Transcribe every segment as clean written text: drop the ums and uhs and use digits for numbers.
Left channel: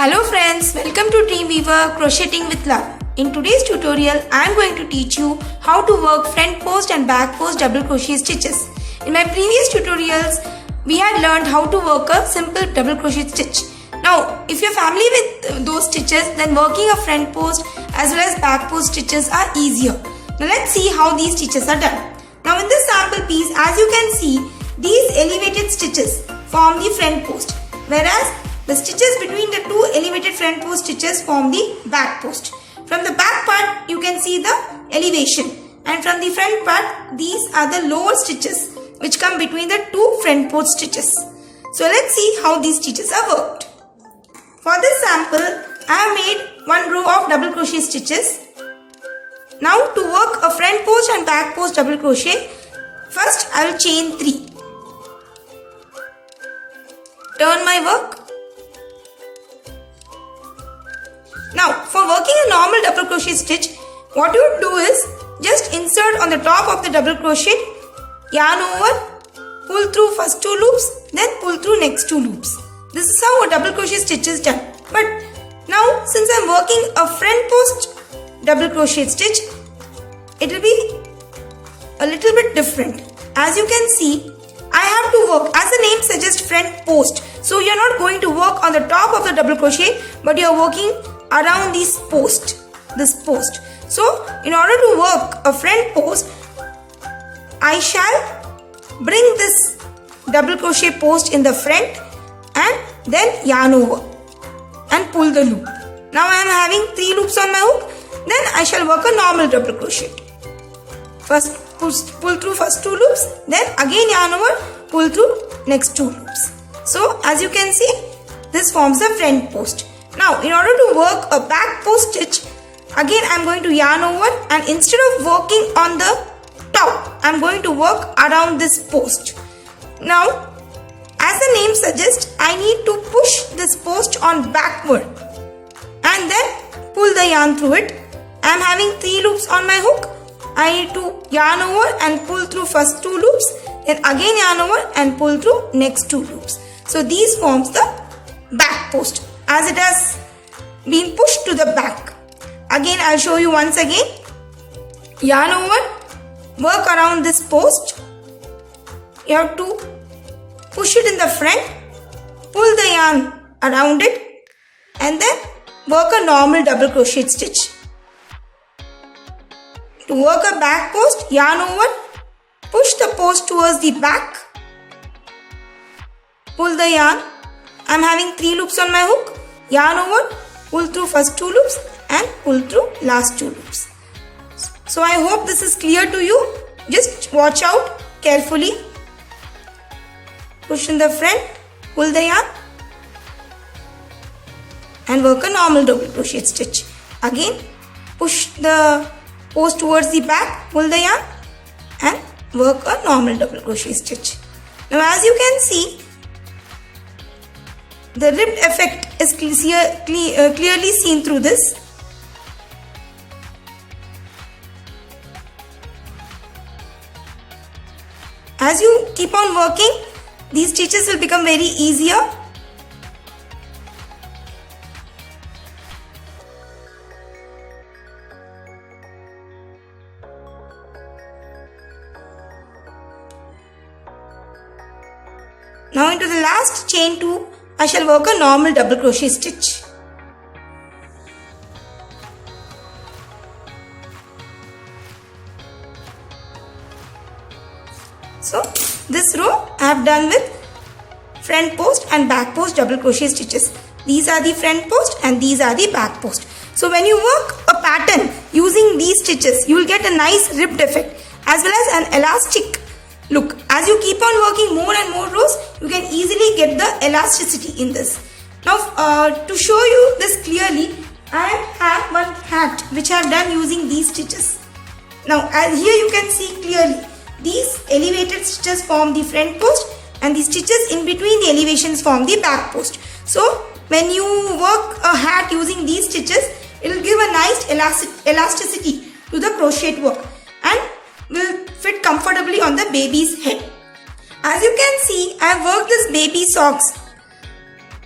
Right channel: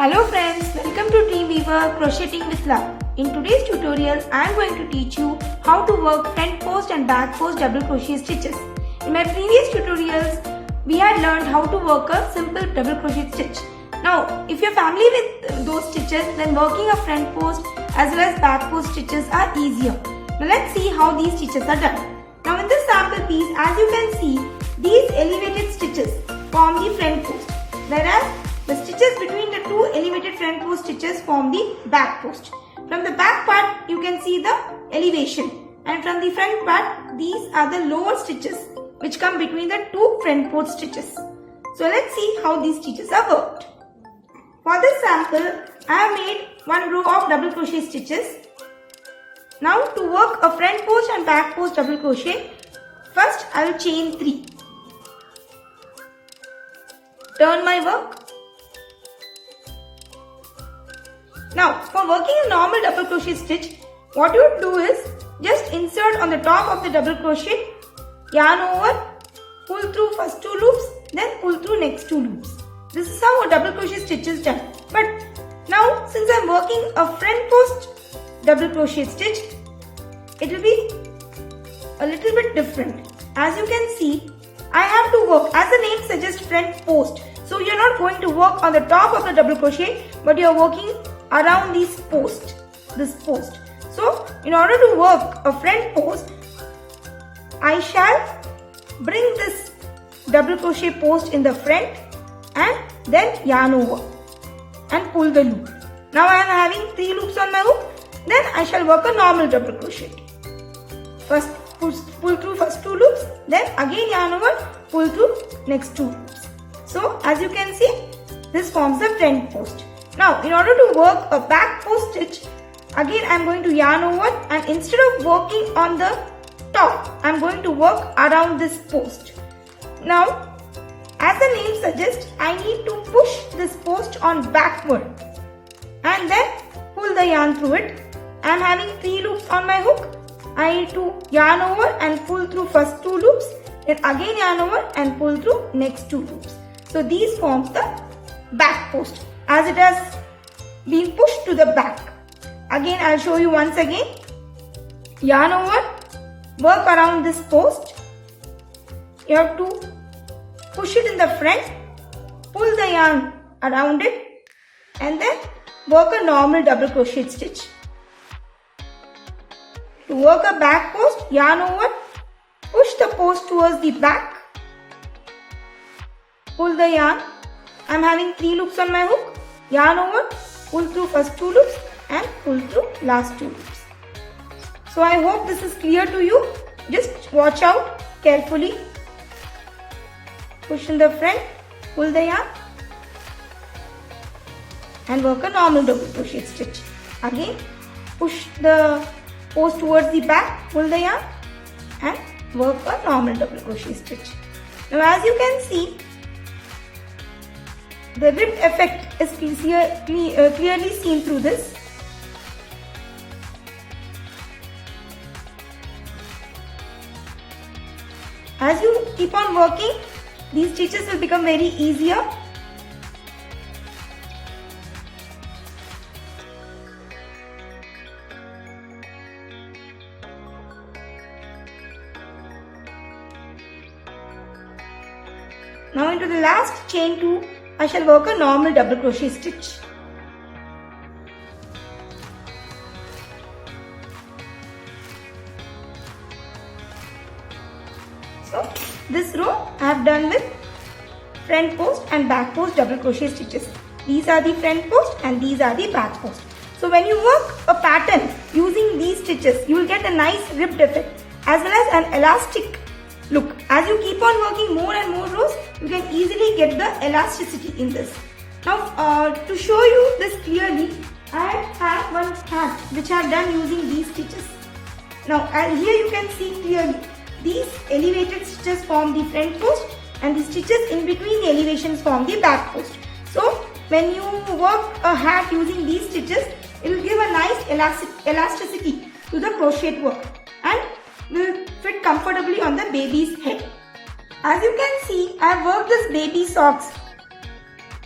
Hello friends, welcome to Dreamweaver Crocheting with Love. In today's tutorial, I am going to teach you how to work front post and back post double crochet stitches. In my previous tutorials, we had learned how to work a simple double crochet stitch. Now, if you're familiar with those stitches, then working a front post as well as back post stitches are easier. Now let's see how these stitches are done. Now in this sample piece, as you can see, these elevated stitches form the front post, whereas the stitches between the two elevated front post stitches form the back post. From the back part, you can see the elevation, and from the front part, these are the lower stitches which come between the two front post stitches. So let's see how these stitches are worked. For this sample, I have made one row of double crochet stitches. Now to work a front post and back post double crochet, first I will chain 3. Turn my work. Now for working a normal double crochet stitch, what you would do is just insert on the top of the double crochet, yarn over, pull through first 2 loops, then pull through next 2 loops. This is how a double crochet stitch is done. But now since I am working a front post double crochet stitch, it will be a little bit different. As you can see, I have to work, as the name suggests, front post. So you are not going to work on the top of the double crochet, but you are working around this post. So in order to work a front post, I shall bring this double crochet post in the front and then yarn over and pull the loop. Now I am having 3 loops on my hook. Then I shall work a normal double crochet. First pull through first 2 loops, then again yarn over, pull through next 2 loops. So as you can see, this forms the front post. Now in order to work a back post stitch, again I am going to yarn over, and instead of working on the top, I am going to work around this post. Now as the name suggests, I need to push this post on backward and then pull the yarn through it. I am having 3 loops on my hook. I need to yarn over and pull through first 2 loops, then again yarn over and pull through next 2 loops. So these forms the back post as it has been pushed to the back. Again I will show you once again. Yarn over, work around this post. You have to push it in the front, pull the yarn around it, and then work a normal double crochet stitch. To work a back post, yarn over, push the post towards the back, pull the yarn. I am having 3 loops on my hook. Yarn over, pull through first 2 loops and pull through last 2 loops. So I hope this is clear to you. Just watch out carefully. Push in the front, pull the yarn and work a normal double crochet stitch. Again, push the post towards the back, pull the yarn and work a normal double crochet stitch. Now as you can see, the ribbed effect is clearly seen through this. As you keep on working, these stitches will become very easier. Now into the last chain 2, I shall work a normal double crochet stitch. So this row I have done with front post and back post double crochet stitches. These are the front post and these are the back post. So when you work a pattern using these stitches, you will get a nice ribbed effect as well as an elastic look. As you keep on working more and more rows, you can easily get the elasticity in this. Now to show you this clearly, I have one hat which I have done using these stitches. Now here you can see clearly, these elevated stitches form the front post and the stitches in between the elevations form the back post. So when you work a hat using these stitches, it will give a nice elasticity to the crochet work and will fit comfortably on the baby's head. As you can see, I have worked this baby socks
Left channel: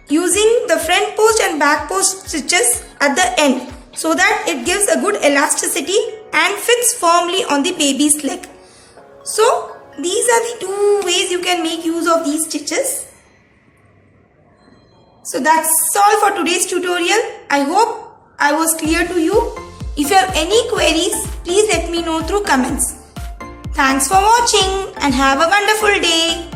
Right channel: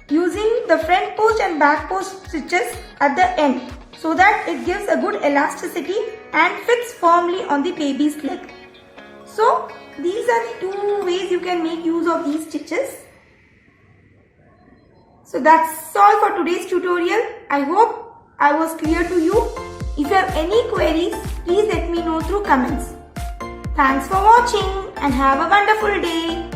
using the front post and back post stitches at the end so that it gives a good elasticity and fits firmly on the baby's leg. So these are the two ways you can make use of these stitches. So that's all for today's tutorial. I hope I was clear to you. If you have any queries, please let me know through comments. Thanks for watching and have a wonderful day.